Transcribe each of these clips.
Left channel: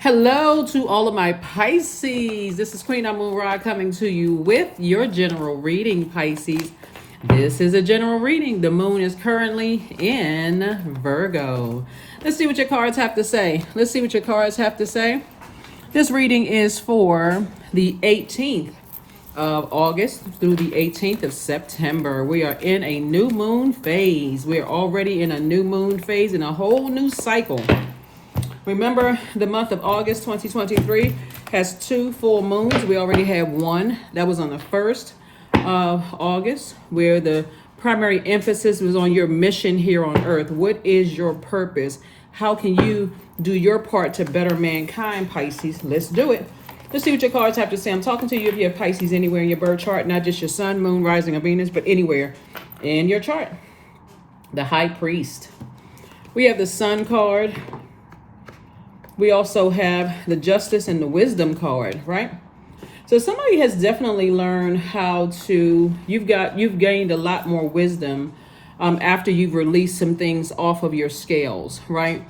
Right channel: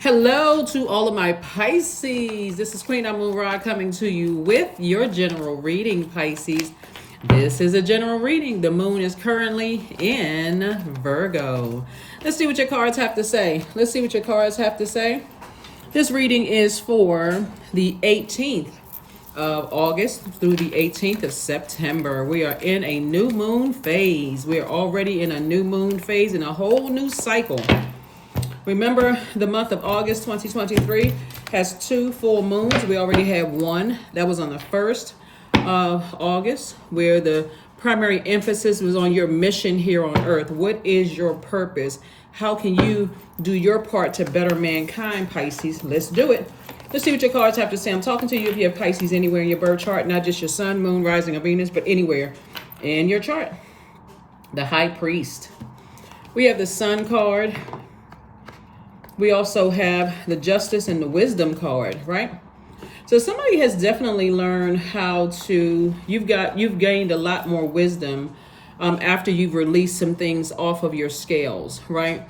Hello to all of my Pisces. This is Queen Amun Ra coming to you with your general reading, Pisces. This is a general reading. The moon is currently in Virgo. Let's see what your cards have to say. This reading is for the 18th of August through the 18th of September. We are in a new moon phase. We're already in a new moon phase in a whole new cycle. Remember, the month of August 2023 has 2 full moons. We already had one. That was on the 1st of August, where the primary emphasis was on your mission here on earth. What is your purpose? How can you do your part to better mankind, Pisces? Let's do it. Let's see what your cards have to say. I'm talking to you if you have Pisces anywhere in your birth chart, not just your sun, moon, rising, or Venus, but anywhere in your chart. The High Priest. We have the Sun card. We also have the Justice and the Wisdom card, right? So somebody has definitely learned how to, you've gained a lot more wisdom after you've released some things off of your scales, right?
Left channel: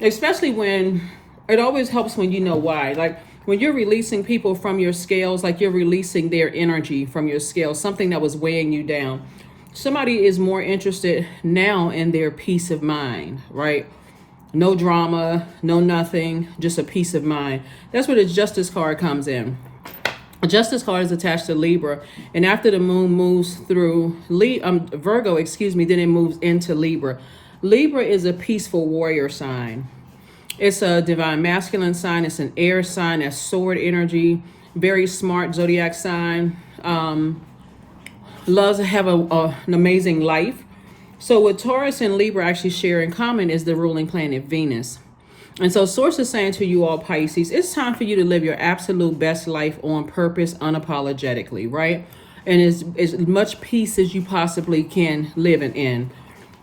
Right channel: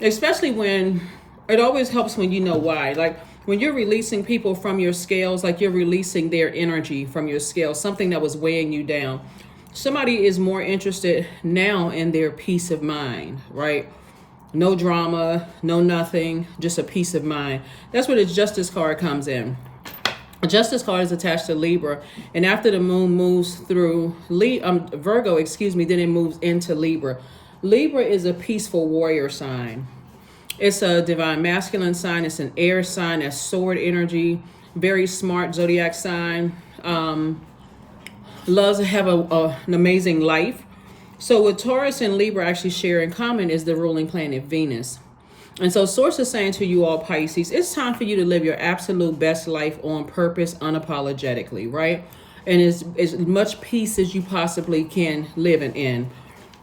Especially when, it always helps when you know why. Like when you're releasing people from your scales, like you're releasing their energy from your scales, something that was weighing you down. Somebody is more interested now in their peace of mind, right? No drama, no nothing, just a peace of mind. That's where the Justice card comes in. The Justice card is attached to Libra. And after the moon moves through Virgo, then it moves into Libra. Libra is a peaceful warrior sign. It's a divine masculine sign. It's an air sign. That's sword energy. Very smart zodiac sign. Loves to have an amazing life. So what Taurus and Libra actually share in common is the ruling planet Venus. And so Source is saying to you all Pisces, it's time for you to live your absolute best life on purpose, unapologetically, right? And as much peace as you possibly can live in.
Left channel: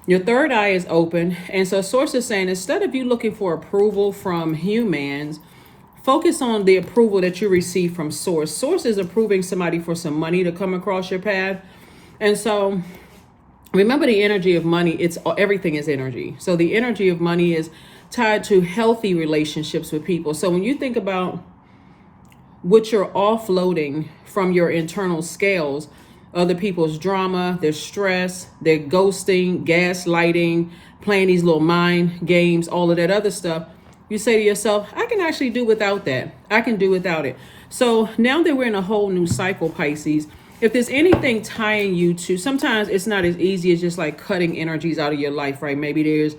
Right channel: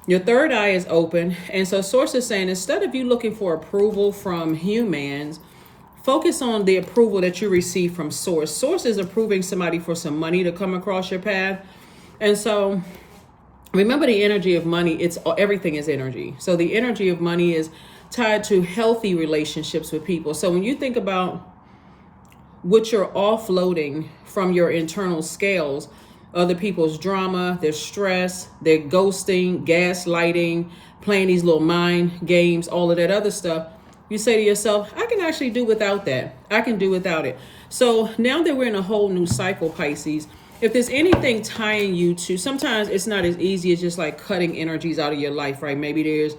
Your third eye is open. And so Source is saying, instead of you looking for approval from humans, focus on the approval that you receive from Source. Source is approving somebody for some money to come across your path. And so remember, the energy of money, everything is energy. So the energy of money is tied to healthy relationships with people. So when you think about what you're offloading from your internal scales, other people's drama, their stress, their ghosting, gaslighting, playing these little mind games, all of that other stuff, you say to yourself, I can actually do without that. I can do without it. So now that we're in a whole new cycle, Pisces, if there's anything tying you to, sometimes it's not as easy as just like cutting energies out of your life, right? Maybe there's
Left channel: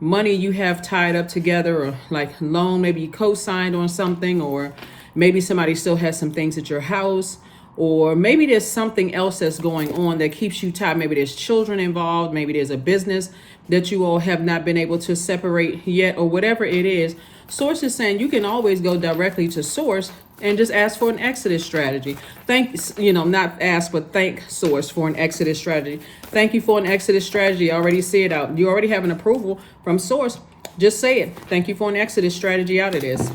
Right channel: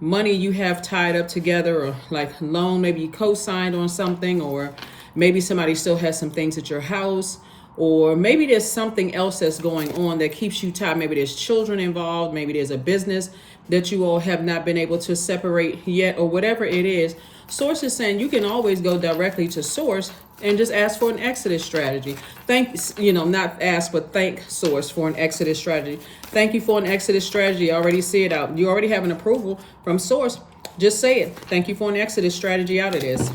money you have tied up together, or like loan, maybe you co-signed on something, or maybe somebody still has some things at your house, or maybe there's something else that's going on that keeps you tied. Maybe there's children involved, maybe there's a business that you all have not been able to separate yet, or whatever it is. Source is saying you can always go directly to Source and just ask for an exodus strategy. Not ask, but thank Source for an exodus strategy. Thank you for an exodus strategy. I already see it out. You already have an approval from Source. Just say it. Thank you for an exodus strategy out of this.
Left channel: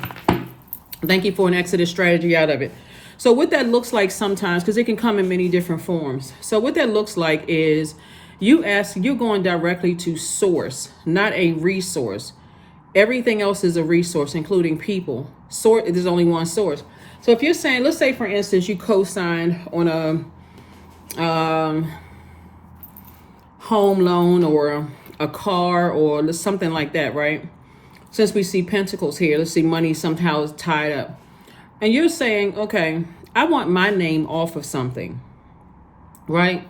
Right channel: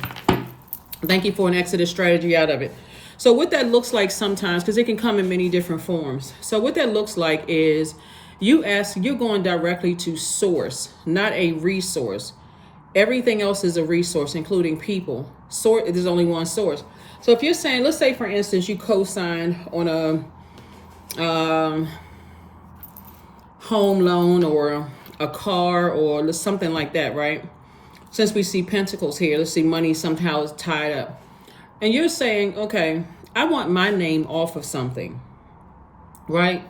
Thank you for an exodus strategy out of it. So what that looks like sometimes, because it can come in many different forms. So what that looks like is you're going directly to Source, not a resource. Everything else is a resource, including people. There's only one source. So if you're saying, let's say for instance, you co-sign on a home loan or a car or something like that, right? Since we see pentacles here, let's see money somehow is tied up. And you're saying, okay, I want my name off of something, right?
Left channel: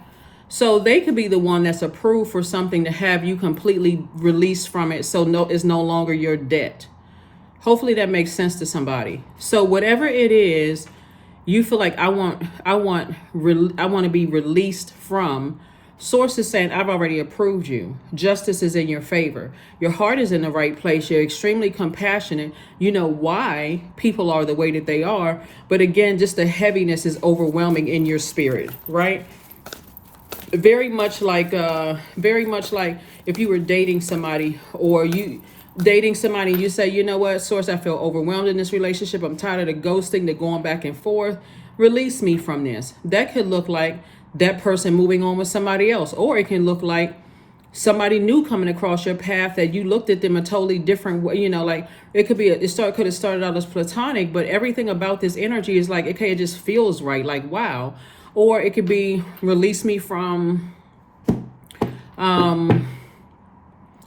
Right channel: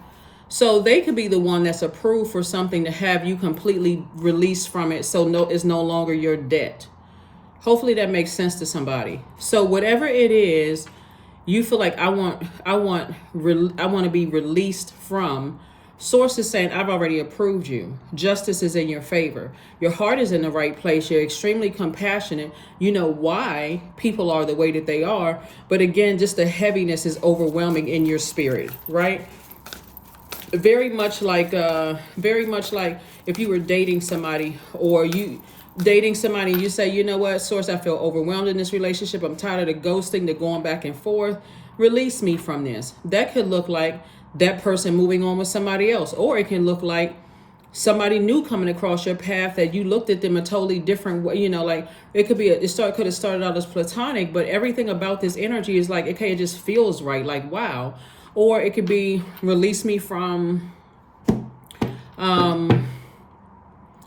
So they could be the one that's approved for something to have you completely released from it. So it's no longer your debt. Hopefully that makes sense to somebody. So whatever it is, you feel like I want to be released from. Source is saying, I've already approved you. Justice is in your favor. Your heart is in the right place. You're extremely compassionate. You know why people are the way that they are. But again, just the heaviness is overwhelming in your spirit, right? Very much like if you were dating somebody, or you dating somebody, you say, you know what, Source, I feel overwhelmed in this relationship. I'm tired of the ghosting, the going back and forth. Release me from this. That could look like that person moving on with somebody else, or it can look like somebody new coming across your path that you looked at them a totally different way. You know, like it could be, could have started out as platonic, but everything about this energy is like, okay, it just feels right. Like, wow. Or it could be release me from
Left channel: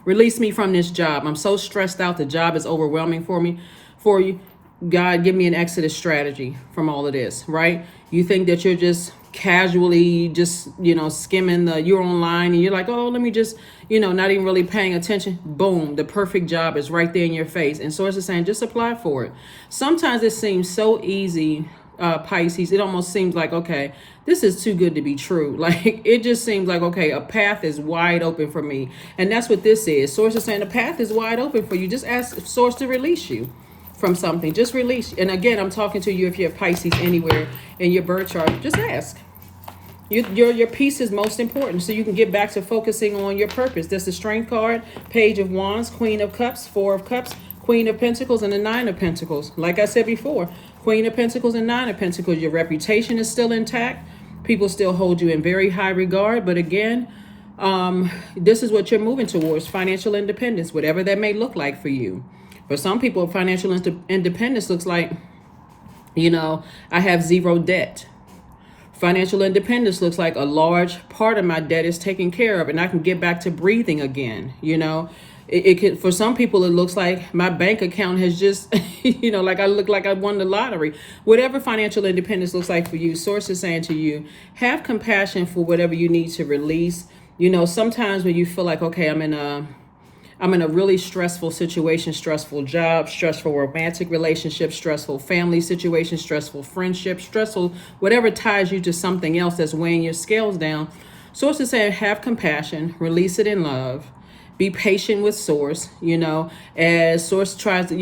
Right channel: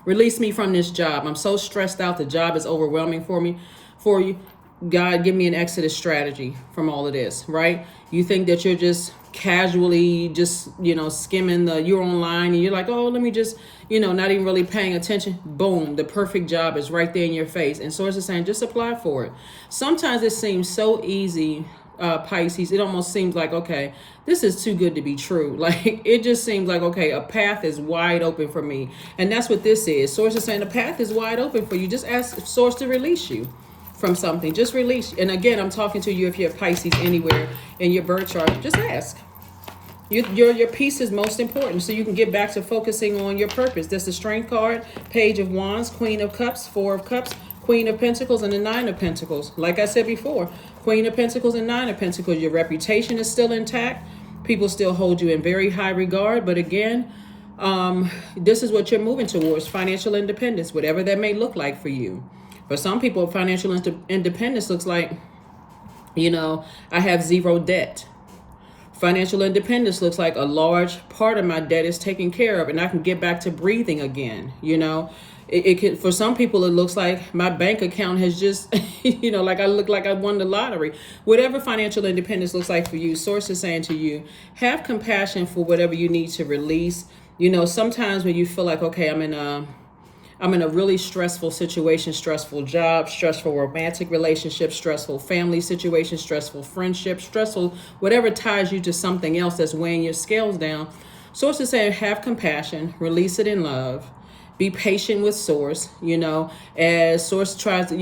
this job. I'm so stressed out. The job is overwhelming for you. God, give me an exodus strategy from all of this, right? You think that you're just casually just, skimming you're online and you're like, oh, let me just, not even really paying attention. Boom, the perfect job is right there in your face. And Source is saying, just apply for it. Sometimes it seems so easy, Pisces. It almost seems like, okay, this is too good to be true. Like, it just seems like, okay, a path is wide open for me. And that's what this is. Source is saying the path is wide open for you. Just ask Source to release you from something. Just release. And again, I'm talking to you if you're Pisces anywhere in your birth chart. Just ask. Your peace is most important, so you can get back to focusing on your purpose. That's the Strength card, Page of Wands, Queen of Cups, Four of Cups, Queen of Pentacles, and the Nine of Pentacles. Like I said before, Queen of Pentacles and Nine of Pentacles. Your reputation is still intact. People still hold you in very high regard. But again, this is what you're moving towards, financial independence, whatever that may look like for you. For some people, financial independence looks like, I have zero debt. Financial independence looks like a large part of my debt is taken care of and I can get back to breathing again. It can, for some people, it looks like my bank account has just, like I look like I won the lottery. Whatever financial independence looks like for you, Source is saying to you, have compassion for whatever you need to release. Sometimes when you feel like, okay, I'm in a really stressful situation, stressful job, stressful romantic relationship, stressful family situation, stressful friendship, stressful, whatever ties you to something else that's weighing your scales down. Source is saying, have compassion, release it in love, be patient with Source, as Source tries to,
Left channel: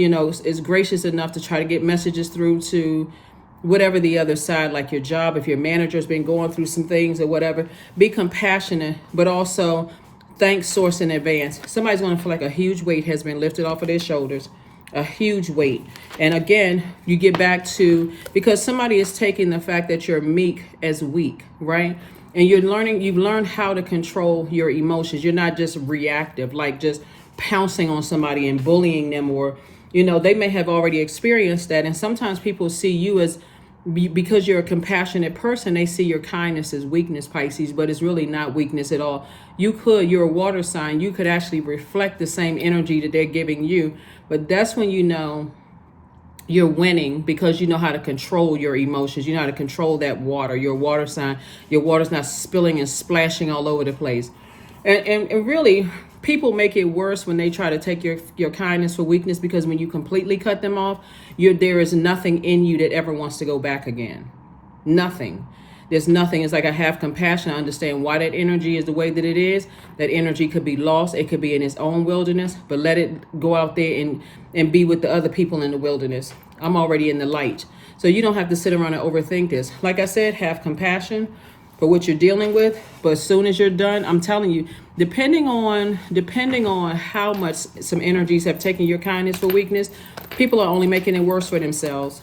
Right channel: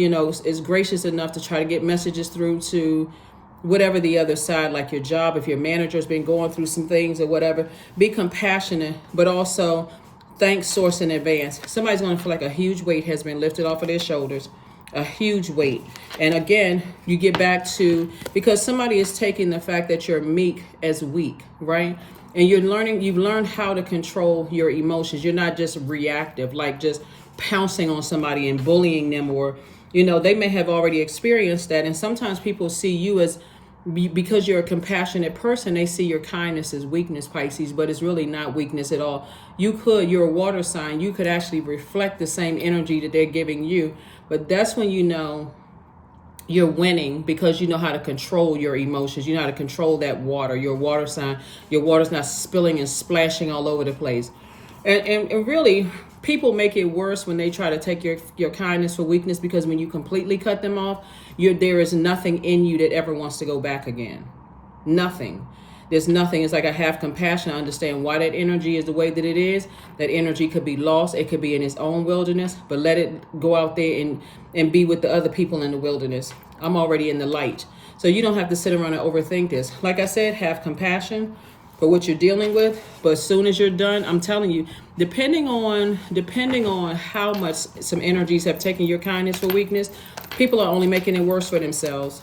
is gracious enough to try to get messages through to whatever the other side, like your job, if your manager's been going through some things or whatever, be compassionate, but also thank Source in advance. Somebody's going to feel like a huge weight has been lifted off of their shoulders, a huge weight. And again, you get back to, because somebody is taking the fact that you're meek as weak, right? And you've learned how to control your emotions. You're not just reactive, like just pouncing on somebody and bullying them, or, they may have already experienced that. And sometimes people see you as, because you're a compassionate person, they see your kindness as weakness, Pisces, but it's really not weakness at all. You're a water sign. You could actually reflect the same energy that they're giving you. But that's when you're winning, because you know how to control your emotions. You know how to control that water. Your water sign. Your water's not spilling and splashing all over the place. And really, people make it worse when they try to take your kindness for weakness, because when you completely cut them off, there is nothing in you that ever wants to go back again. Nothing. There's nothing. It's like I have compassion. I understand why that energy is the way that it is. That energy could be lost. It could be in its own wilderness, but let it go out there and be with the other people in the wilderness. I'm already in the light. So you don't have to sit around and overthink this. Like I said, have compassion for what you're dealing with. But as soon as you're done, I'm telling you, depending on how much some energies have taken your kindness for weakness, people are only making it worse for themselves.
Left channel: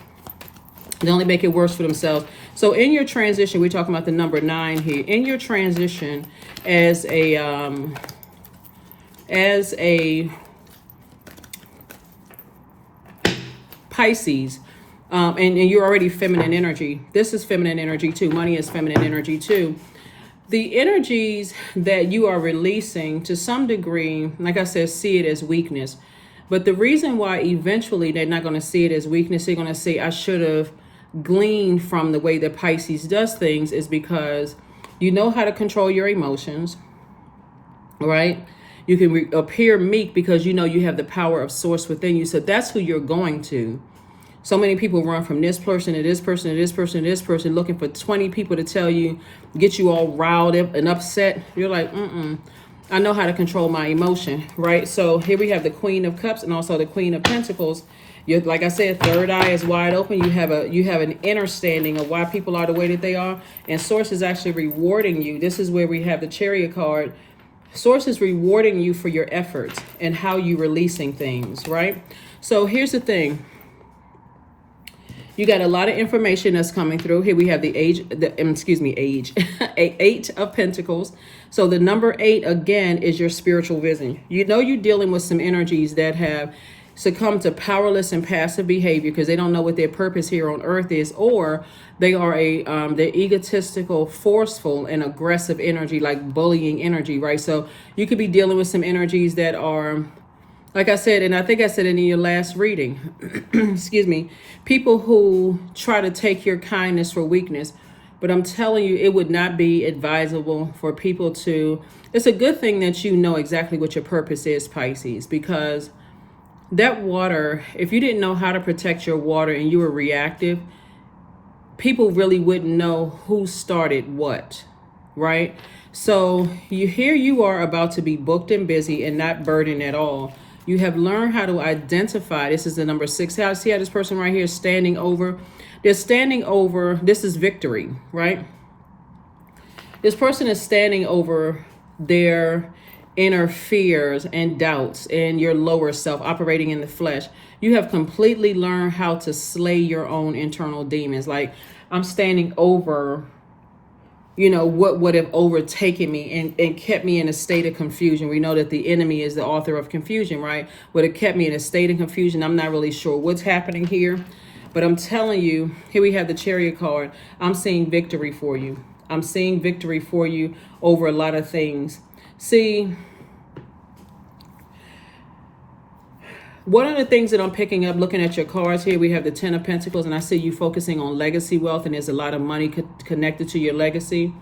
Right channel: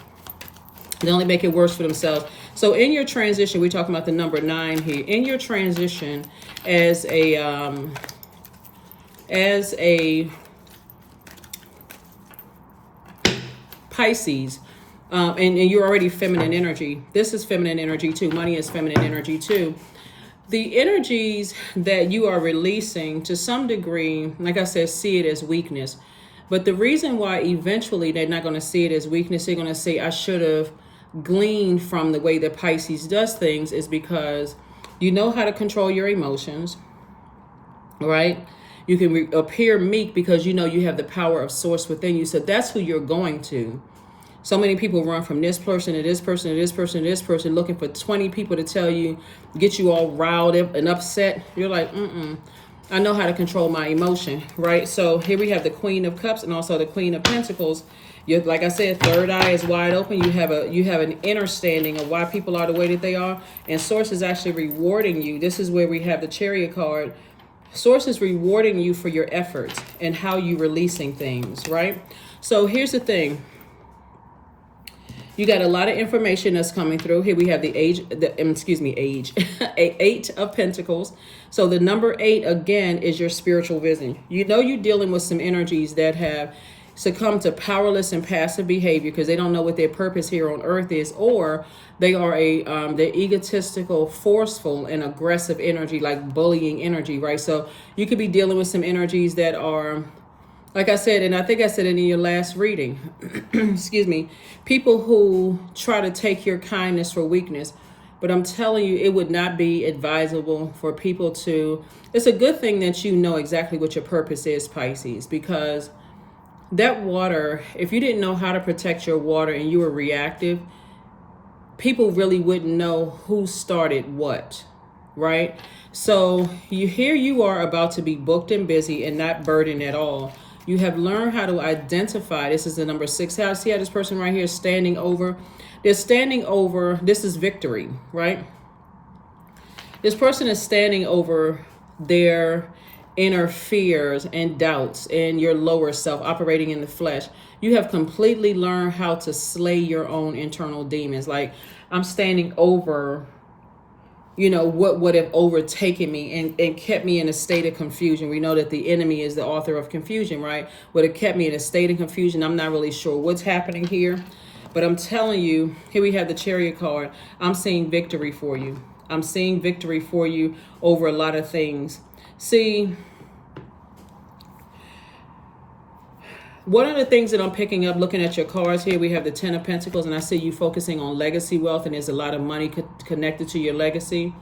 They only make it worse for themselves. So in your transition, we're talking about the number 9 here. In your transition as a Pisces, and you're already feminine energy. This is feminine energy too. Money is feminine energy too. The energies that you are releasing, to some degree, like I said, see it as weakness. But the reason why eventually they're not going to see it as weakness, they're going to say, I should have gleaned from the way that Pisces does things, is because you know how to control your emotions, right? You can appear meek because you know you have the power of Source within you. So that's who you're going to. So many people run from this person to this person to this person to this person, looking for 20 people to tell you, get you all riled up and upset. You're like, I know how to control my emotion, right? So here we have the Queen of Cups and also the Queen of Pentacles. Like I said, third eye is wide open. You have an understanding of why people are the way that they are, and Source is actually rewarding you. This is where we have the Chariot card. Source is rewarding you for your efforts and how you're releasing things, right? So here's the thing. You got a lot of information that's coming through. Here we have the age, 8 of Pentacles. So the number 8, again, is your spiritual vision. You know you're dealing with some energies that have succumb to powerless and passive behavior because they don't know what their purpose here on earth is, or they are they're egotistical, forceful, and aggressive energy, like bullying energy, right? So you could be dealing with some energies that are, like I said, and I think I said it in your last reading, excuse me, people who try to take your kindness for weakness. But I'm telling you, it would not be advisable for people to, it's a good thing that you know exactly what your purpose is, Pisces, because that water, if you didn't know how to protect your water and you were reactive, people really wouldn't know who started what, right? So here you are about to be booked and busy and not burdened at all. You have learned how to identify. This is the number 6 house. See how this person right here is standing over? They're standing over. This is victory, right? This person is standing over their inner fears and doubts and your lower self operating in the flesh. You have completely learned how to slay your own internal demons. Like, I'm standing over, you know, what would have overtaken me and kept me in a state of confusion. We know that the enemy is the author of confusion, right? Would have kept me in a state of confusion. I'm not really sure what's happening here, but I'm telling you, here we have the Chariot card. I'm seeing victory for you. I'm seeing victory for you over a lot of things. See, one of the things that I'm picking up looking at your cards here, we have the 10 of Pentacles, and I see you focusing on legacy wealth, and there's a lot of money connected to your legacy,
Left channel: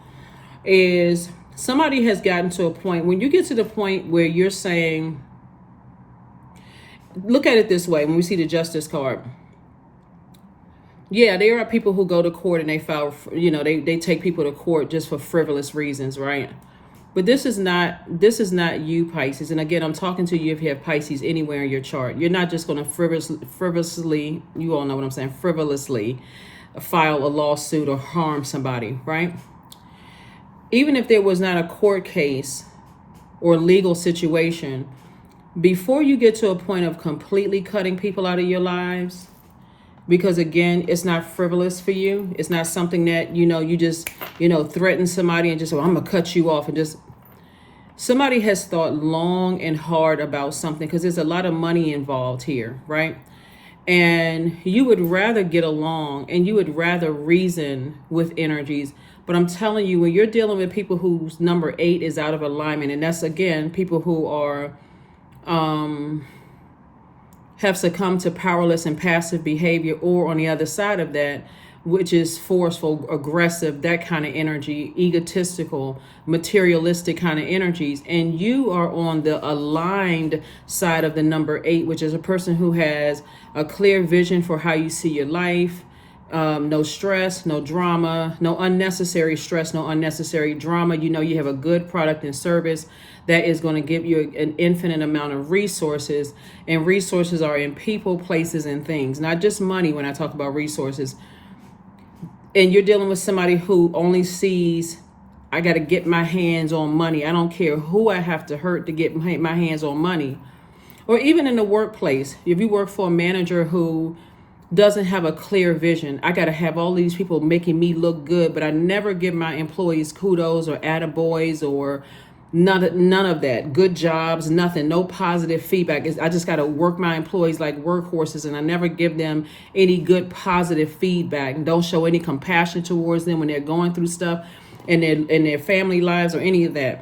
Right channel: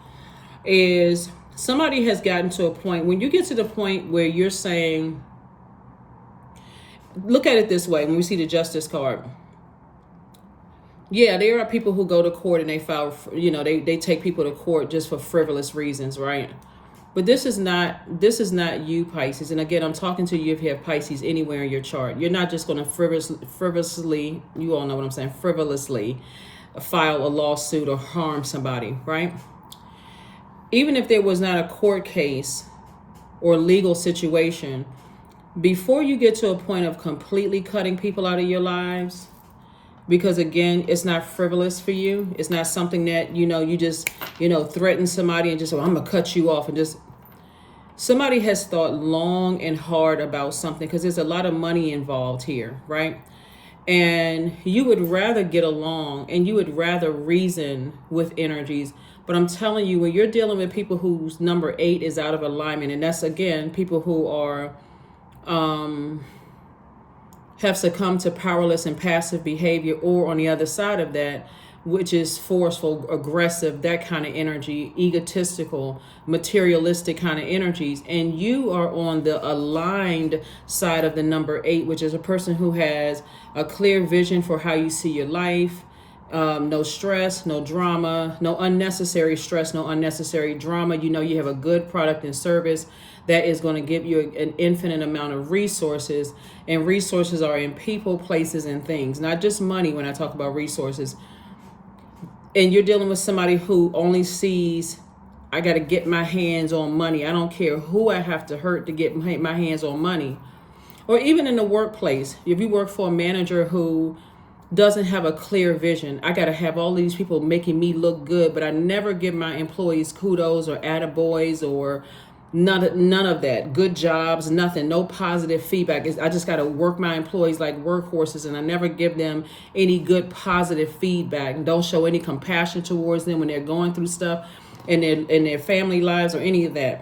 is somebody has gotten to a point, when you get to the point where you're saying, look at it this way, when we see the Justice card. Yeah, there are people who go to court and they file, you know, they take people to court just for frivolous reasons, right? But this is not you, Pisces. And again, I'm talking to you if you have Pisces anywhere in your chart. You're not just going to frivolously, you all know what I'm saying, frivolously file a lawsuit or harm somebody, right? Even if there was not a court case or legal situation, before you get to a point of completely cutting people out of your lives, because again, it's not frivolous for you. It's not something that, you know, you just, you know, threaten somebody and just, oh, I'm going to cut you off, and just, somebody has thought long and hard about something, because there's a lot of money involved here, right? And you would rather get along and you would rather reason with energies. But I'm telling you, when you're dealing with people whose number 8 is out of alignment, and that's, again, people who are, have succumbed to powerless and passive behavior, or on the other side of that, which is forceful, aggressive, that kind of energy, egotistical, materialistic kind of energies. And you are on the aligned side of the number 8, which is a person who has a clear vision for how you see your life. No stress, no drama, no unnecessary stress, no unnecessary drama. You know, you have a good product and service that is going to give you an infinite amount of resources. And resources are in people, places, and things, not just money when I talk about resources. And you're dealing with somebody who only sees, I got to get my hands on money. I don't care who I have to hurt to get my hands on money. Or even in the workplace, if you work for a manager who doesn't have a clear vision, I got to have all these people making me look good, but I never give my employees kudos or attaboys or none of that. Good jobs, nothing, no positive feedback. I just got to work my employees like workhorses, and I never give them any good positive feedback, and don't show any compassion towards them when they're going through stuff in their family lives or any of that.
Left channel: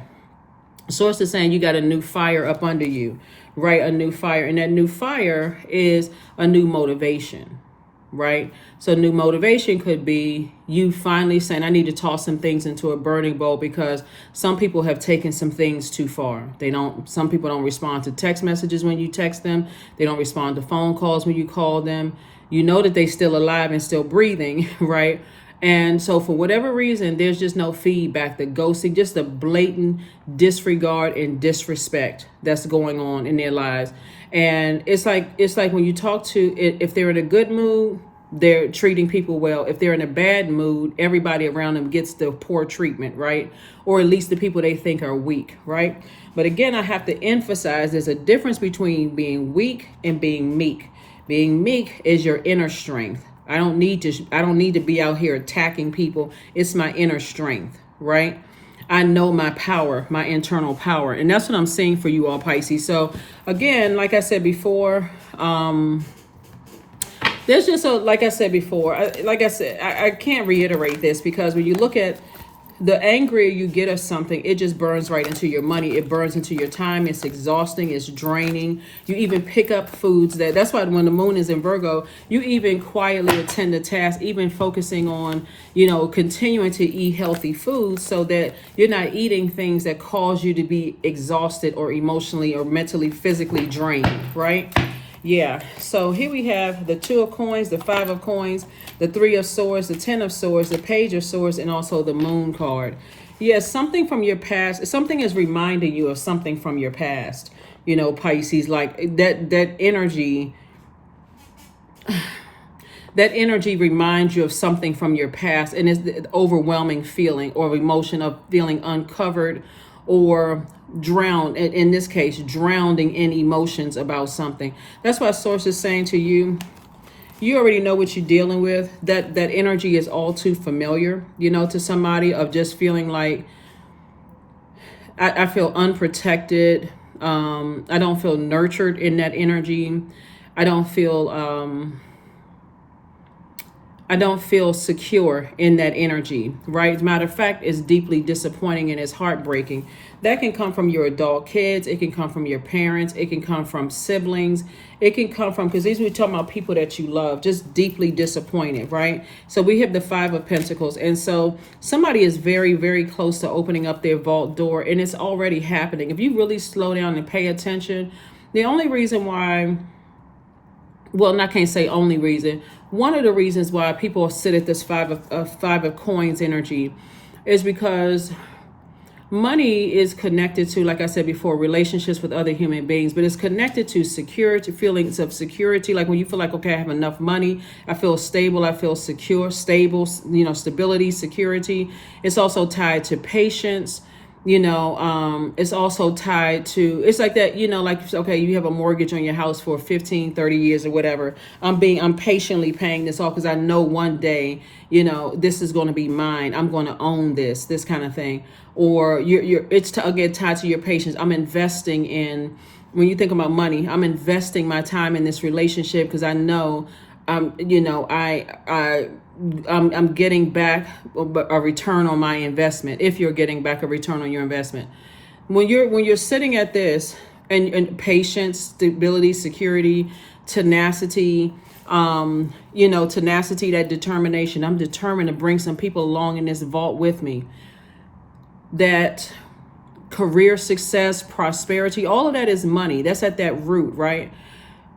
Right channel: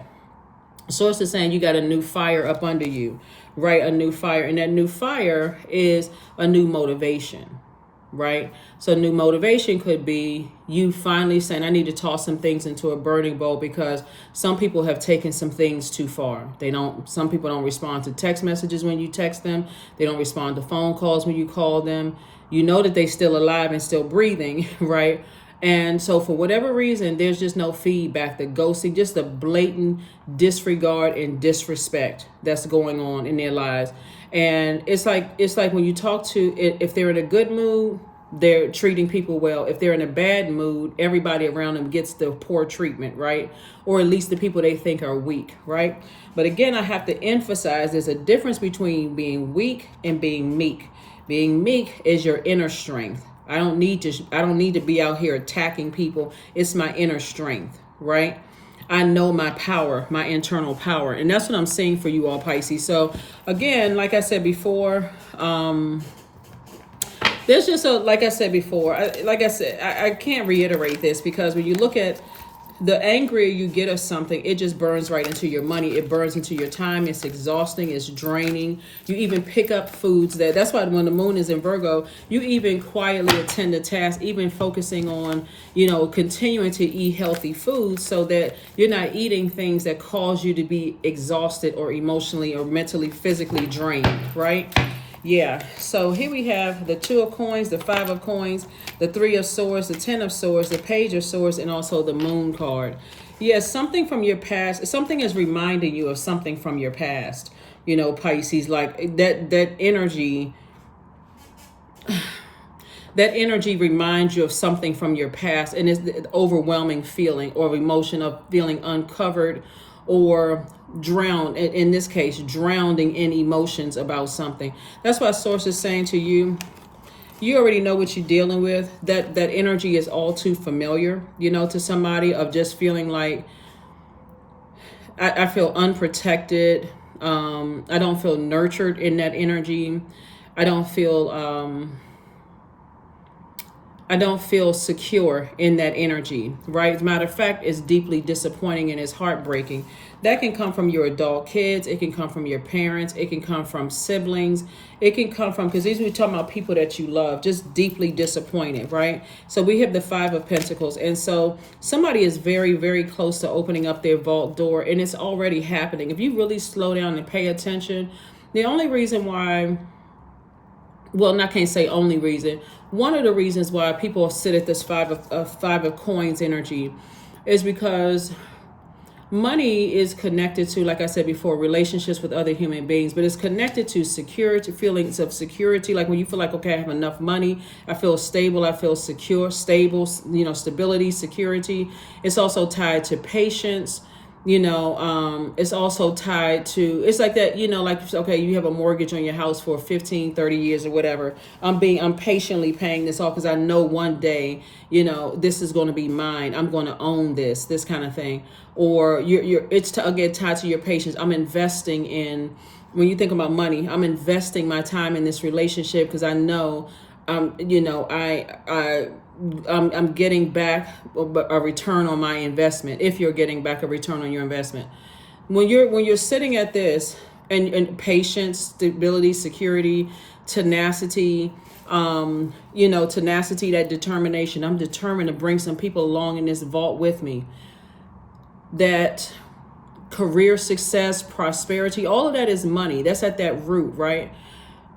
Source is saying you got a new fire up under you, right? A new fire, and that new fire is a new motivation, right? So new motivation could be you finally saying, I need to toss some things into a burning bowl, because some people have taken some things too far. Some people don't respond to text messages when you text them. They don't respond to phone calls when you call them. You know that they're still alive and still breathing, right? And so for whatever reason, there's just no feedback, the ghosting, just the blatant disregard and disrespect that's going on in their lives. And it's like when you talk to, if they're in a good mood, they're treating people well. If they're in a bad mood, everybody around them gets the poor treatment, right? Or at least the people they think are weak, right? But again, I have to emphasize there's a difference between being weak and being meek. Being meek is your inner strength. I don't need to be out here attacking people. It's my inner strength, right? I know my power, my internal power. And that's what I'm saying for you all, Pisces. So again, like I said before, there's just like I said before, I can't reiterate this, because when you look at the angrier you get of something, it just burns right into your money. It burns into your time. It's exhausting. It's draining. You even pick up foods that's why when the moon is in Virgo, you even quietly attend to tasks, even focusing on, continuing to eat healthy foods, so that you're not eating things that cause you to be exhausted or emotionally or mentally, physically drained, right? Yeah, so here we have the 2 of coins, the 5 of coins, the 3 of swords, the 10 of swords, the page of swords, and also the moon card. Yes, something from your past, something is reminding you of something from your past, Pisces, like that energy. That energy reminds you of something from your past, and it's the overwhelming feeling or emotion of feeling uncovered or drowned, in this case, drowning in emotions about something. That's why Source is saying to you, you already know what you're dealing with. That energy is all too familiar, to somebody, of just feeling like, I feel unprotected. I don't feel nurtured in that energy. I don't feel secure in that energy, right? As a matter of fact, it's deeply disappointing and it's heartbreaking. That can come from your adult kids. It can come from your parents. It can come from siblings. It can come from, because these we're talking about people that you love, just deeply disappointed, right? So we have the 5 of Pentacles. And so somebody is very, very close to opening up their vault door, and it's already happening. If you really slow down and pay attention, the only reason why, well, I can't say only reason, one of the reasons why people sit at this 5 of coins energy is because money is connected to, like I said before, relationships with other human beings, but it's connected to security, feelings of security. Like when you feel like, okay, I have enough money, I feel stable, I feel secure, stable, stability, security. It's also tied to patience. It's also tied to, it's like that, like, okay, you have a mortgage on your house for 15, 30 years or whatever. I'm patiently paying this off because I know one day, this is going to be mine. I'm going to own this kind of thing. Or it's again tied to your patience. I'm investing in, when you think about money, I'm investing my time in this relationship because I know, I'm getting back a return on my investment. If you're getting back a return on your investment, when you're sitting at this, and patience, stability, security, tenacity, tenacity, that determination. I'm determined to bring some people along in this vault with me. That career success, prosperity, all of that is money. That's at that root, right?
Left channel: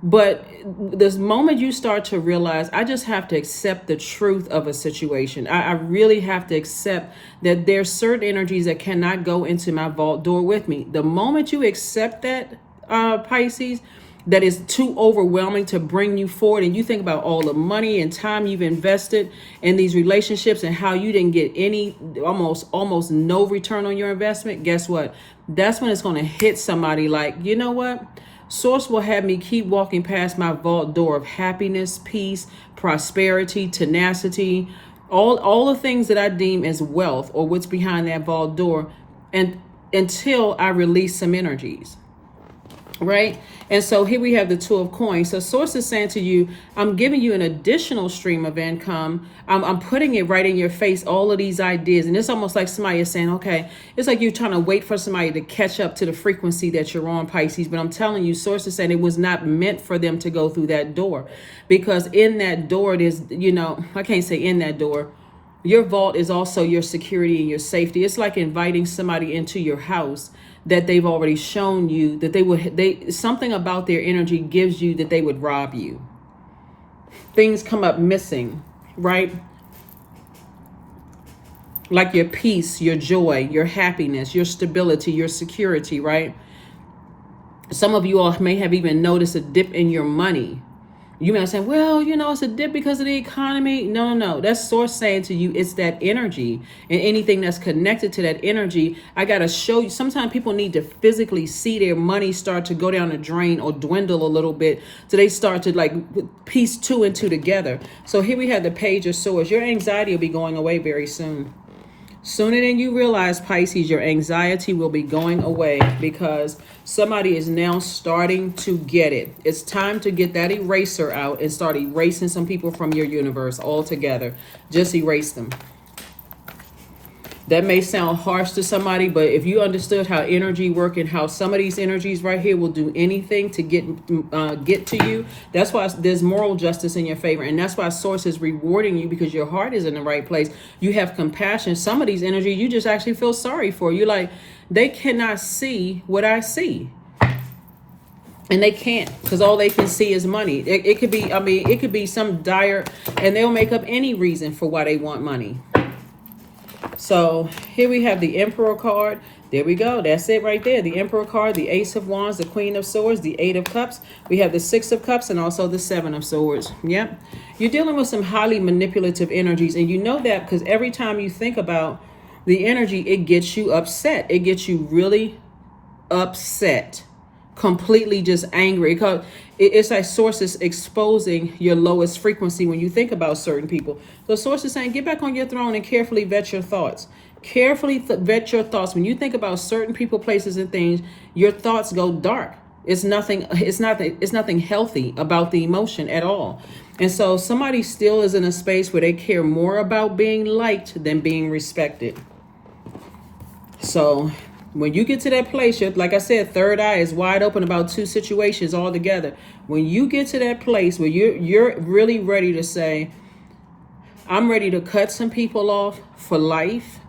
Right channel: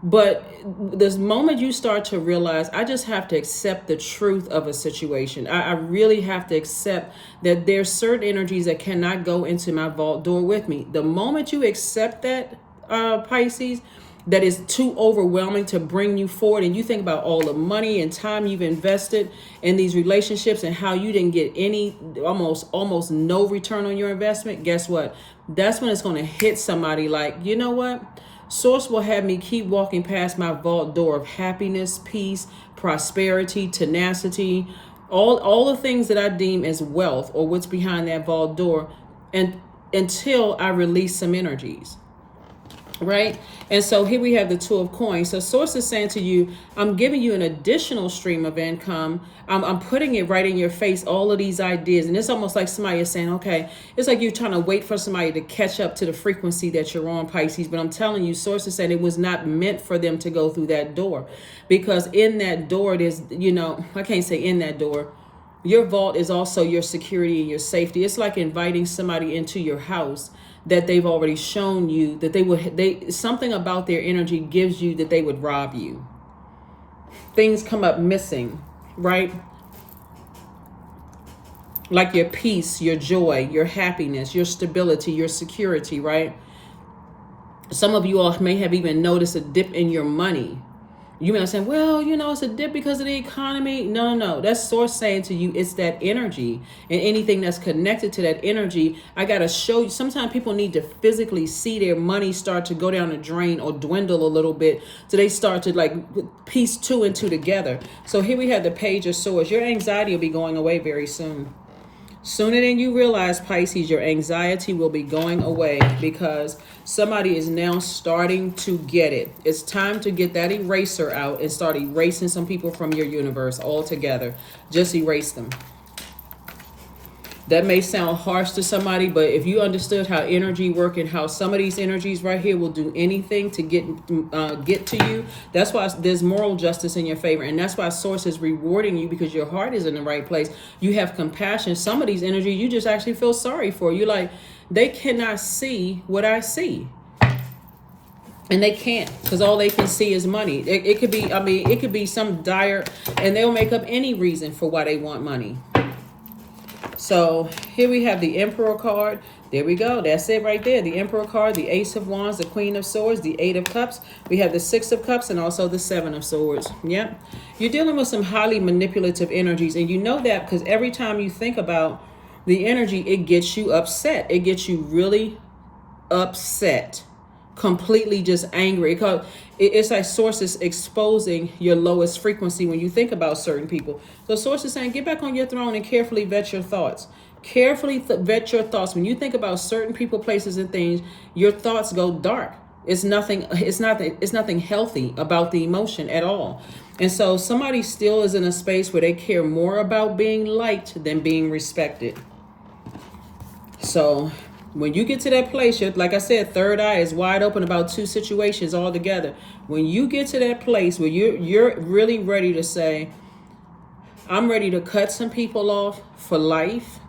But this moment you start to realize, I just have to accept the truth of a situation. I really have to accept that there's certain energies that cannot go into my vault door with me. The moment you accept that, Pisces, that is too overwhelming to bring you forward, and you think about all the money and time you've invested in these relationships and how you didn't get any, almost no return on your investment, guess what? That's when it's going to hit somebody like, you know what? Source will have me keep walking past my vault door of happiness, peace, prosperity, tenacity, all the things that I deem as wealth or what's behind that vault door, and until I release some energies. Right? And so here we have the 2 of coins. So Source is saying to you, I'm giving you an additional stream of income. I'm putting it right in your face, all of these ideas. And it's almost like somebody is saying, okay, it's like you're trying to wait for somebody to catch up to the frequency that you're on, Pisces. But I'm telling you, Source is saying it was not meant for them to go through that door. Because in that door, it is, I can't say in that door. Your vault is also your security and your safety. It's like inviting somebody into your house that they've already shown you that something about their energy gives you that they would rob you. Things come up missing, right? Like your peace, your joy, your happiness, your stability, your security, right? Some of you all may have even noticed a dip in your money. You may say, well, you know, it's a dip because of the economy. No, no, no. That's source saying to you, it's that energy, and anything that's connected to that energy. I got to show you. Sometimes people need to physically see their money start to go down the drain or dwindle a little bit, so they start to like piece two and two together. So here we have the Page of Swords. Your anxiety will be going away very soon. Sooner than you realize, Pisces, your anxiety will be going away because somebody is now starting to get it. It's time to get that eraser out and start erasing some people from your universe altogether. Just erase them. That may sound harsh to somebody, but if you understood how energy work and how some of these energies right here will do anything to get to you, that's why there's moral justice in your favor, and that's why Source is rewarding you because your heart is in the right place. You have compassion. Some of these energies you just actually feel sorry for. You like, they cannot see what I see. And they can't, because all they can see is money. It could be, I mean, it could be some dire, and they'll make up any reason for why they want money. So here we have the Emperor card. There we go. That's it right there. The Emperor card, the Ace of Wands, the Queen of Swords, the Eight of Cups. We have the Six of Cups and also the Seven of Swords. Yep. You're dealing with some highly manipulative energies. And you know that because every time you think about the energy, it gets you upset. It gets you really upset. Completely just angry. It's like Source is exposing your lowest frequency when you think about certain people. So Source is saying, get back on your throne and carefully vet your thoughts. Carefully vet your thoughts. When you think about certain people, places, and things, your thoughts go dark. It's nothing healthy about the emotion at all. And so somebody still is in a space where they care more about being liked than being respected. So when you get to that place, like I said, third eye is wide open about two situations all together. When you get to that place where you're really ready to say, I'm ready to cut some people off for life,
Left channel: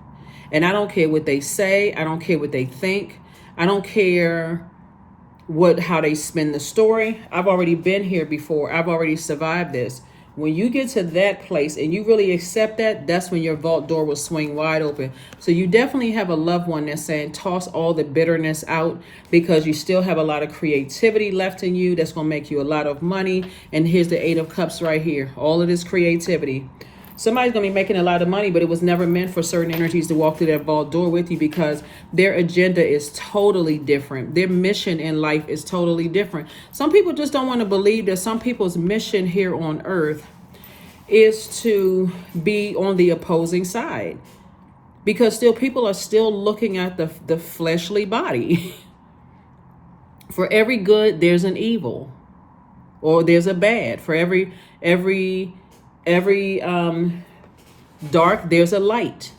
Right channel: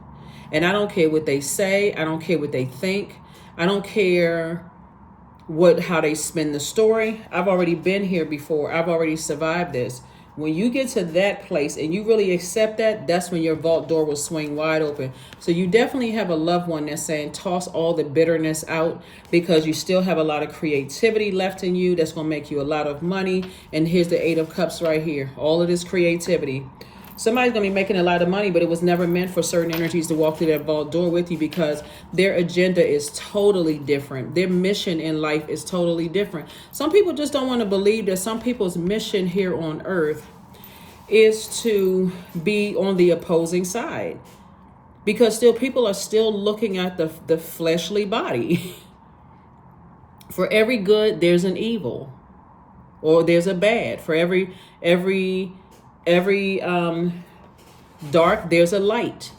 and I don't care what they say, I don't care what they think, I don't care how they spin the story. I've already been here before. I've already survived this. When you get to that place and you really accept that, that's when your vault door will swing wide open. So you definitely have a loved one that's saying, toss all the bitterness out because you still have a lot of creativity left in you that's going to make you a lot of money. And here's the Eight of Cups right here. All of this creativity. Somebody's going to be making a lot of money, but it was never meant for certain energies to walk through that vault door with you because their agenda is totally different. Their mission in life is totally different. Some people just don't want to believe that some people's mission here on earth is to be on the opposing side because still people are still looking at the fleshly body. For every good, there's an evil or there's a bad. For every dark, there's a light.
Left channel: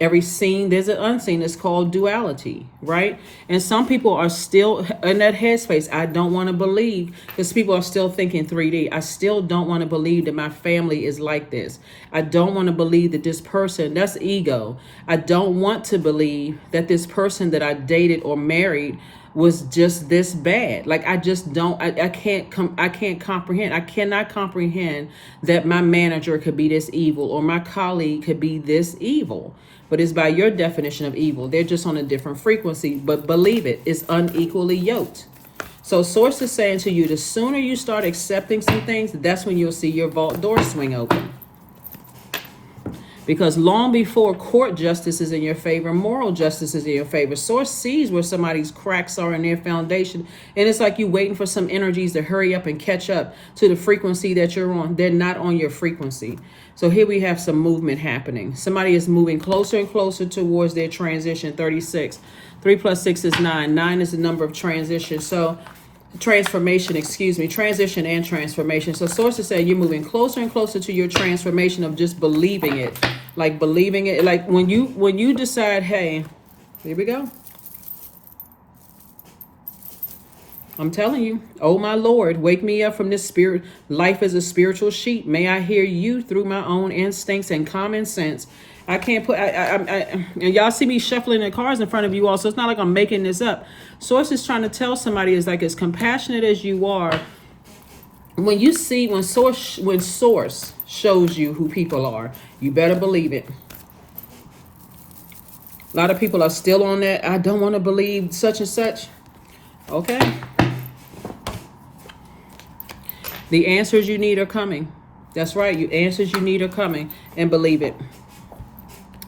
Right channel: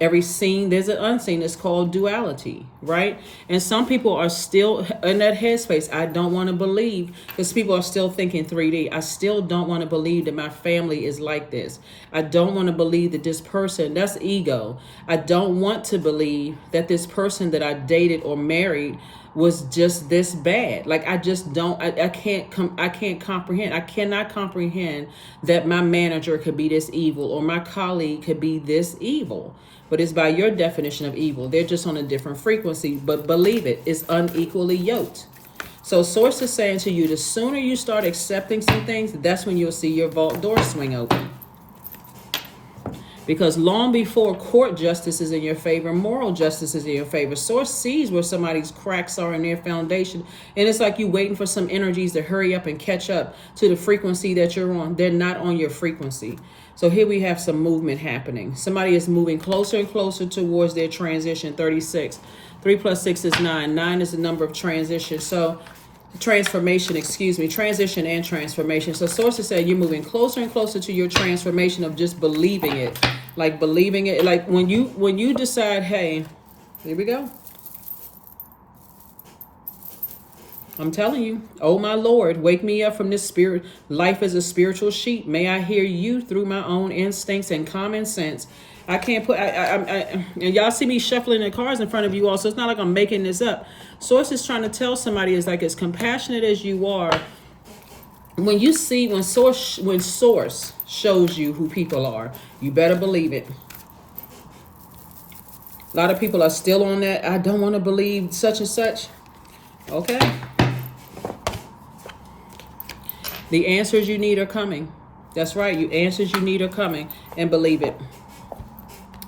Every seen, there's an unseen. It's called duality, right? And some people are still in that headspace. I don't want to believe, because people are still thinking 3D. I still don't want to believe that my family is like this. I don't want to believe that this person, that's ego. I don't want to believe that this person that I dated or married was just this bad. Like I just don't, I can't comprehend. I cannot comprehend that my manager could be this evil or my colleague could be this evil. But it's by your definition of evil. They're just on a different frequency, but believe it, it's unequally yoked. So Source is saying to you, the sooner you start accepting some things, that's when you'll see your vault door swing open. Because long before court justice is in your favor, moral justice is in your favor. Source sees where somebody's cracks are in their foundation. And it's like you waiting for some energies to hurry up and catch up to the frequency that you're on. They're not on your frequency. So here we have some movement happening. Somebody is moving closer and closer towards their transition. 36. 3 plus 6 is 9. 9 is the number of transition. So transformation, transition and transformation. So Source is saying you're moving closer and closer to your transformation of just believing it. Like believing it. Like when you decide, hey, here we go. I'm telling you, oh my Lord, wake me up from this spirit. Life is a spiritual sheep. May I hear you through my own instincts and common sense. I can't put, and y'all see me shuffling the cards in front of you all, so it's not like I'm making this up. Source is trying to tell somebody is like, as compassionate as you are, when Source shows you who people are, you better believe it. A lot of people are still on that, I don't want to believe such and such. Okay. The answers you need are coming. That's right. You answers you need are coming, and believe it.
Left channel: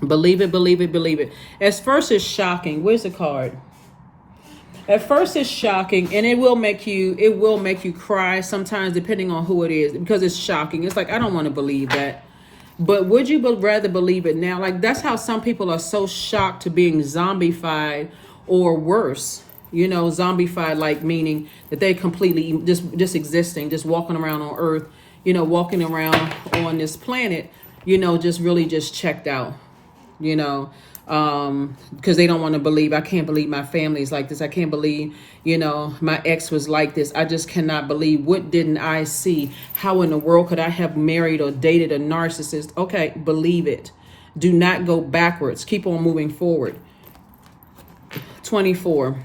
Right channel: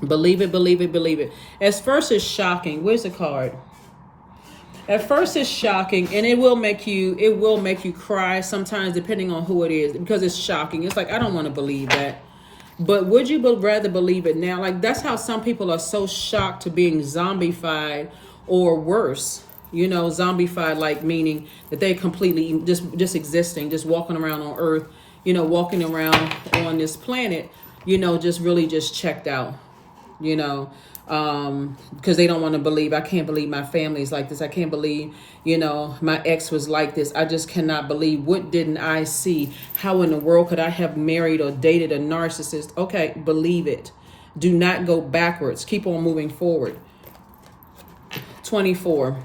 Believe it, believe it, believe it. At first it's shocking. Where's the card? At first it's shocking, and it will make you cry sometimes, depending on who it is, because it's shocking. It's like, I don't want to believe that. But would you rather believe it now? Like, that's how some people are so shocked to being zombified or worse. You know, zombified, like meaning that they completely just existing, just walking around on Earth, you know, walking around on this planet, you know, just really just checked out, you know, because they don't want to believe. I can't believe my family's like this. I can't believe, you know, my ex was like this. I just cannot believe. What didn't I see? How in the world could I have married or dated a narcissist? Okay, believe it. Do not go backwards. Keep on moving forward. 24.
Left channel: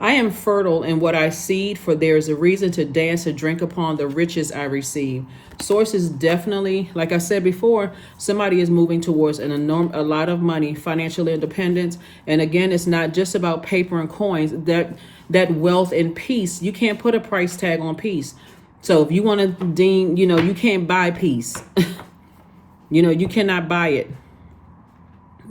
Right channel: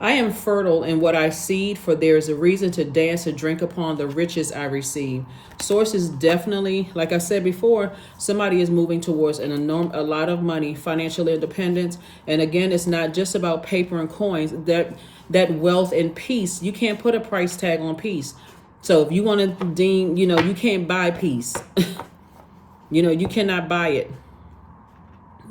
I am fertile in what I seed, for there is a reason to dance and drink upon the riches I receive. Source is definitely, like I said before, somebody is moving towards a lot of money, financial independence. And again, it's not just about paper and coins. That wealth and peace, you can't put a price tag on peace. So if you want to deem, you know, you can't buy peace. You know, you cannot buy it.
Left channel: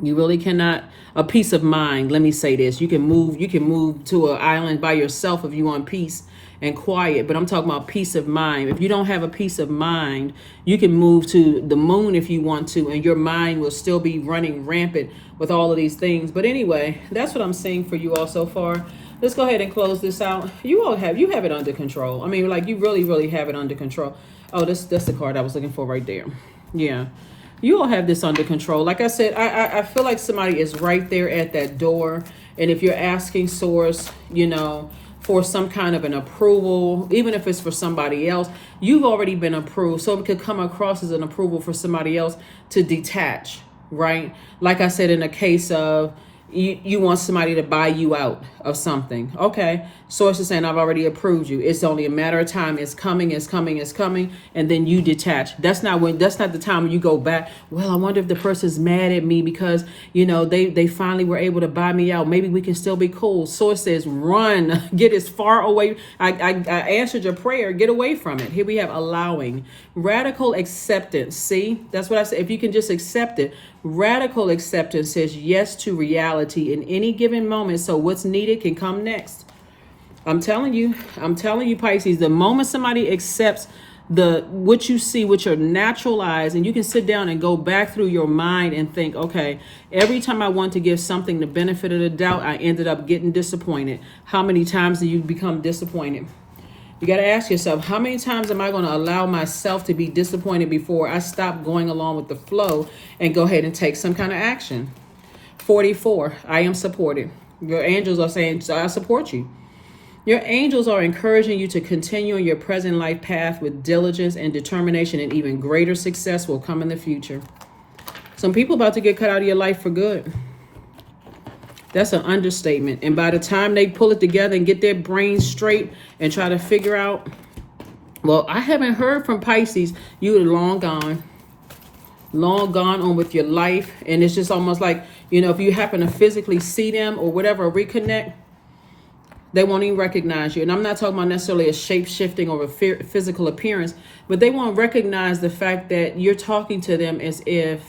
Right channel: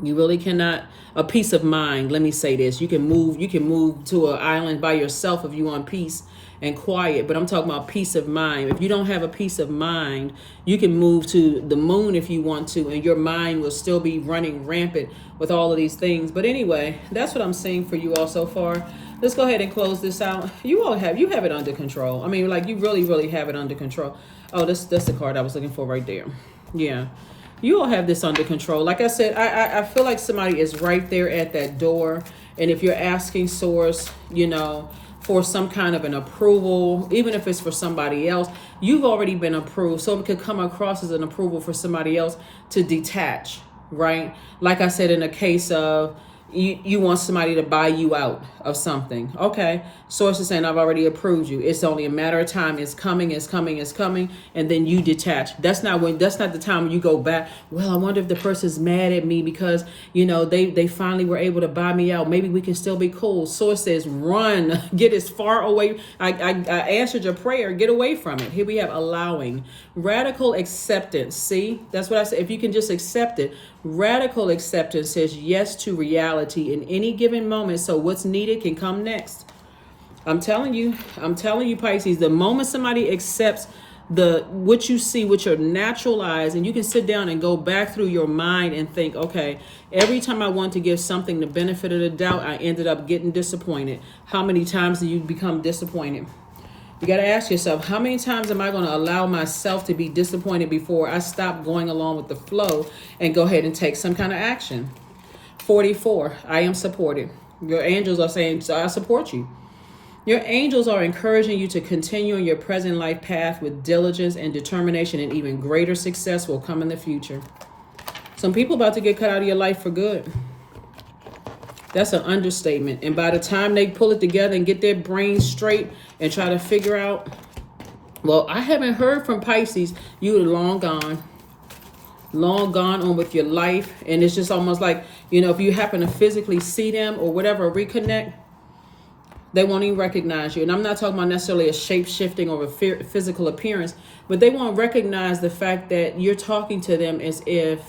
You really cannot. A peace of mind. Let me say this. You can move to an island by yourself if you want peace and quiet. But I'm talking about peace of mind. If you don't have a peace of mind, you can move to the moon if you want to, and your mind will still be running rampant with all of these things. But anyway, that's what I'm saying for you all so far. Let's go ahead and close this out. You have it under control. I mean, like, you really, really have it under control. Oh, that's the card I was looking for right there. Yeah. You all have this under control. Like I said, I feel like somebody is right there at that door. And if you're asking source, you know, for some kind of an approval, even if it's for somebody else, you've already been approved. So it could come across as an approval for somebody else to detach, right? Like I said, in a case of you want somebody to buy you out of something. Okay. Source is saying, I've already approved you. It's only a matter of time. It's coming, it's coming, it's coming. And then you detach. That's not the time when you go back. Well, I wonder if the person's mad at me because, you know, they finally were able to buy me out. Maybe we can still be cool. Source says, run, get as far away. I answered your prayer. Get away from it. Here we have allowing. Radical acceptance. See, that's what I said. If you can just accept it. Radical acceptance says yes to reality in any given moment. So what's needed can come next. I'm telling you, Pisces, the moment somebody accepts what you see with your natural eyes, and you can sit down and go back through your mind and think, okay, every time I want to give something the benefit of the doubt, I ended up getting disappointed. How many times do you become disappointed? You got to ask yourself, how many times am I going to allow myself to be disappointed before I stop going along with the flow and go ahead and take some kind of action? 44, I am supported. Your angels are saying, so I support you. Your angels are encouraging you to continue in your present life path with diligence and determination, and even greater success will come in the future. Some people about to get cut out of your life for good. That's an understatement. And by the time they pull it together and get their brains straight and try to figure out, well, I haven't heard from Pisces. You are long gone on with your life. And it's just almost like, you know, if you happen to physically see them or whatever, reconnect, they won't even recognize you. And I'm not talking about necessarily a shape-shifting or a physical appearance, but they won't recognize the fact that you're talking to them as if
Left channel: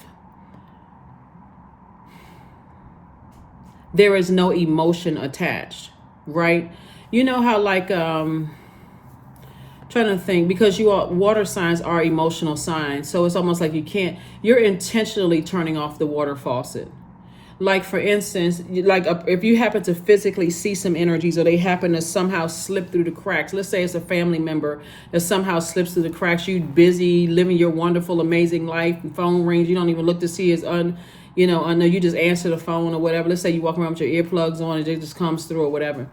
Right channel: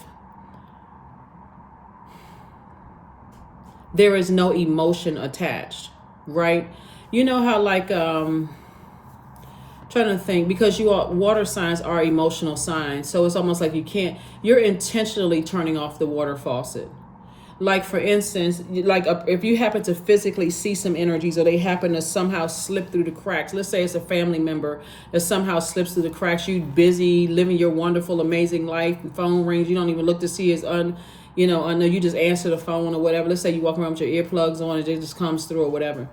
there is no emotion attached, right? You know how, like, trying to think, because water signs are emotional signs. So it's almost like you're intentionally turning off the water faucet. Like, for instance, like if you happen to physically see some energies, or they happen to somehow slip through the cracks. Let's say it's a family member that somehow slips through the cracks. You busy living your wonderful, amazing life, and phone rings. You don't even look to see his you know, you just answer the phone or whatever. Let's say you walk around with your earplugs on and it just comes through or whatever.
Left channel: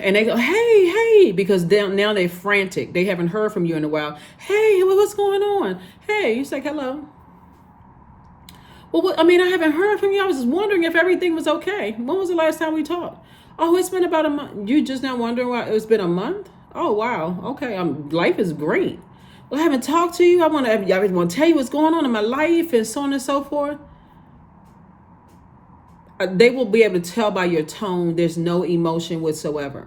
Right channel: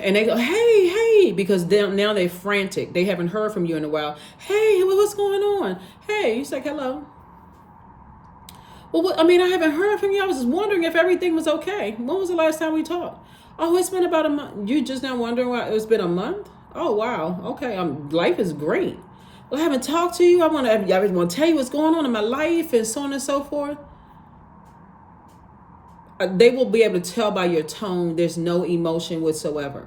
And they go, hey, because now they're frantic. They haven't heard from you in a while. Hey, what's going on? Hey, you say hello. Well, I haven't heard from you. I was just wondering if everything was okay. When was the last time we talked? Oh, it's been about a month. You just now wondering why it's been a month? Oh, wow. Okay. Life is great. Well, I haven't talked to you. I want to tell you what's going on in my life and so on and so forth. They will be able to tell by your tone there's no emotion whatsoever.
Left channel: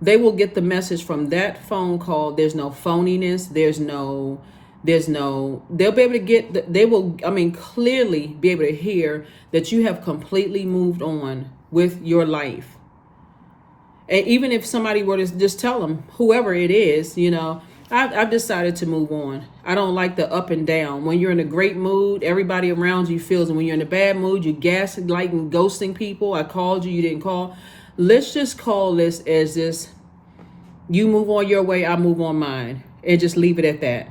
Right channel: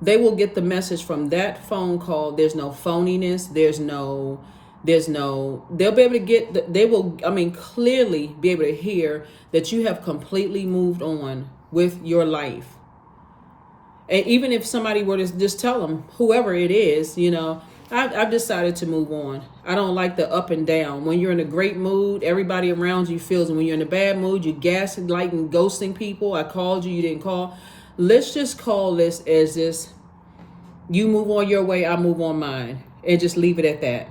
They will get the message from that phone call. There's no phoniness. They'll be able to get, they will, I mean, clearly be able to hear that you have completely moved on with your life. And even if somebody were to just tell them, whoever it is, you know, I've decided to move on. I don't like the up and down. When you're in a great mood, everybody around you feels, and when you're in a bad mood, you gaslighting, ghosting people. I called you, you didn't call. Let's just call this as this: you move on your way, I move on mine, and just leave it at that.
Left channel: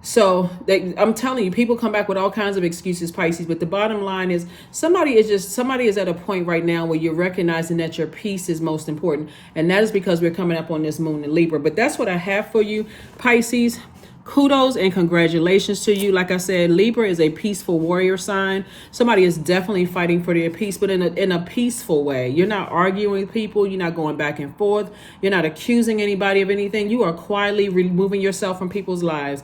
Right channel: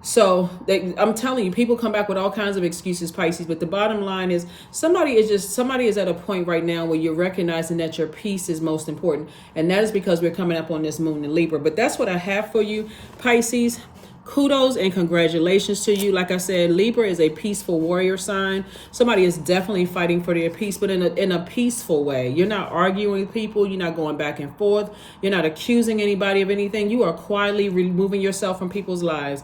So I'm telling you, people come back with all kinds of excuses, Pisces, but the bottom line is somebody is at a point right now where you're recognizing that your peace is most important. And that is because we're coming up on this moon in Libra. But that's what I have for you, Pisces. Kudos and congratulations to you. Like I said, Libra is a peaceful warrior sign. Somebody is definitely fighting for their peace, but in a peaceful way. You're not arguing with people. You're not going back and forth. You're not accusing anybody of anything. You are quietly removing yourself from people's lives.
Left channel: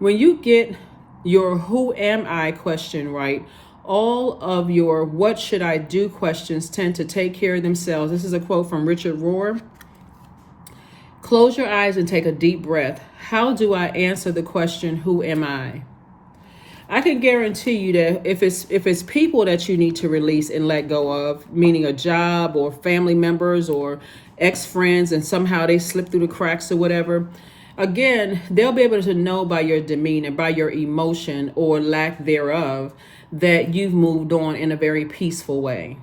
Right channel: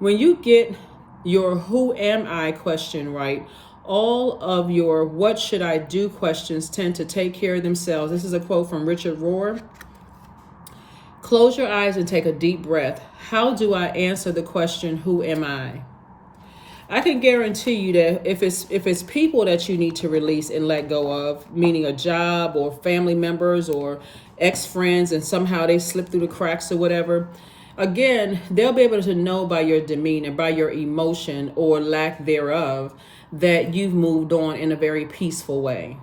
When you get your who am I question right, all of your what should I do questions tend to take care of themselves. This is a quote from Richard Rohr. Close your eyes and take a deep breath. How do I answer the question, who am I? I can guarantee you that if it's people that you need to release and let go of, meaning a job or family members or ex-friends, and somehow they slip through the cracks or whatever, again, they'll be able to know by your demeanor, by your emotion or lack thereof, that you've moved on in a very peaceful way.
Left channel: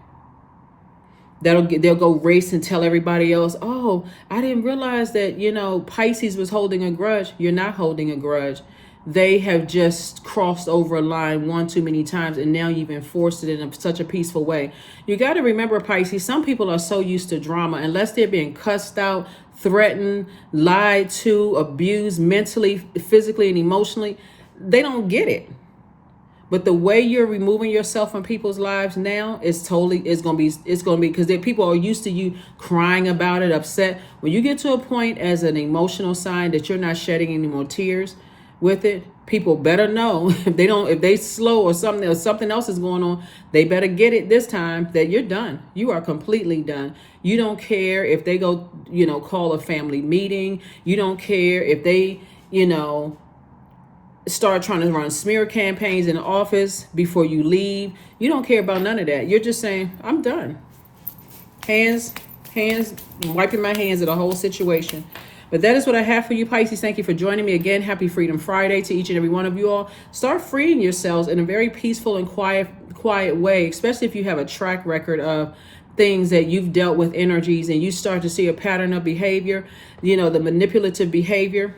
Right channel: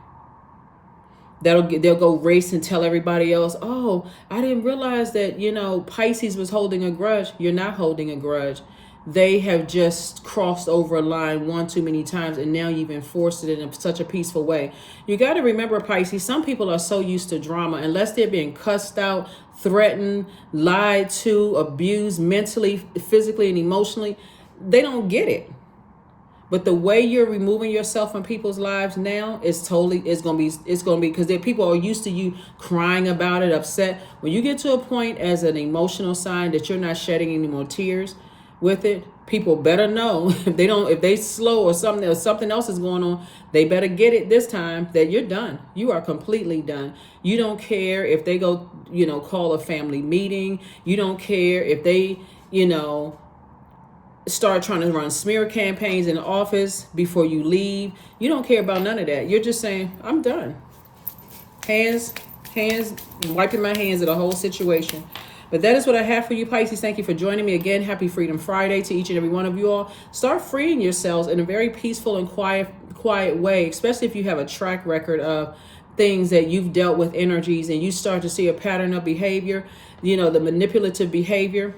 They'll go race and tell everybody else, oh, I didn't realize that, you know, Pisces was holding a grudge. You're not holding a grudge. They have just crossed over a line one too many times, and now you've enforced it in such a peaceful way. You got to remember, Pisces, some people are so used to drama, unless they're being cussed out, threatened, lied to, abused mentally, physically, and emotionally, they don't get it. But the way you're removing yourself from people's lives now is going to be because people are used to you crying about it, upset. When you get to a point as an emotional sign that you're not shedding any more tears with it, people better know if they slow or something else is going on, they better get it this time that you're done. You are completely done. You don't care if they go, you know, call a family meeting. You don't care if they, you know, start trying to run smear campaigns in the office before you leave. You don't care about none of that. You're just saying, I'm done. Hands, wiping my hands of the whole situation. But that is what I have for you, Pisces. Thank you for joining me again. Happy Freedom Friday to each and every one of you all. Start freeing yourselves in a very peaceful and quiet way, especially if you have a track record of things that you've dealt with energies and you start to see a pattern of behavior, you know, the manipulative behavior.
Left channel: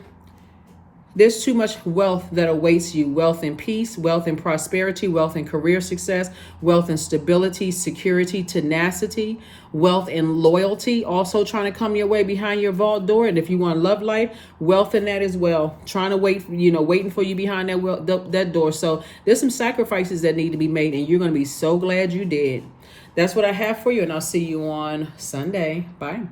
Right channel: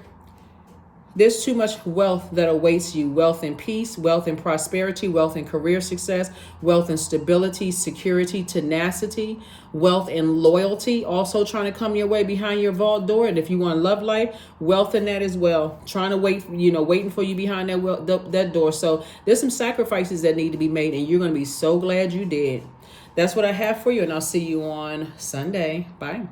There's too much wealth that awaits you. Wealth in peace, wealth in prosperity, wealth in career success, wealth in stability, security, tenacity, wealth in loyalty, also trying to come your way behind your vault door. And if you want love life, wealth in that as well. Trying to waiting for you behind that door. So there's some sacrifices that need to be made, and you're going to be so glad you did. That's what I have for you, and I'll see you on Sunday. Bye.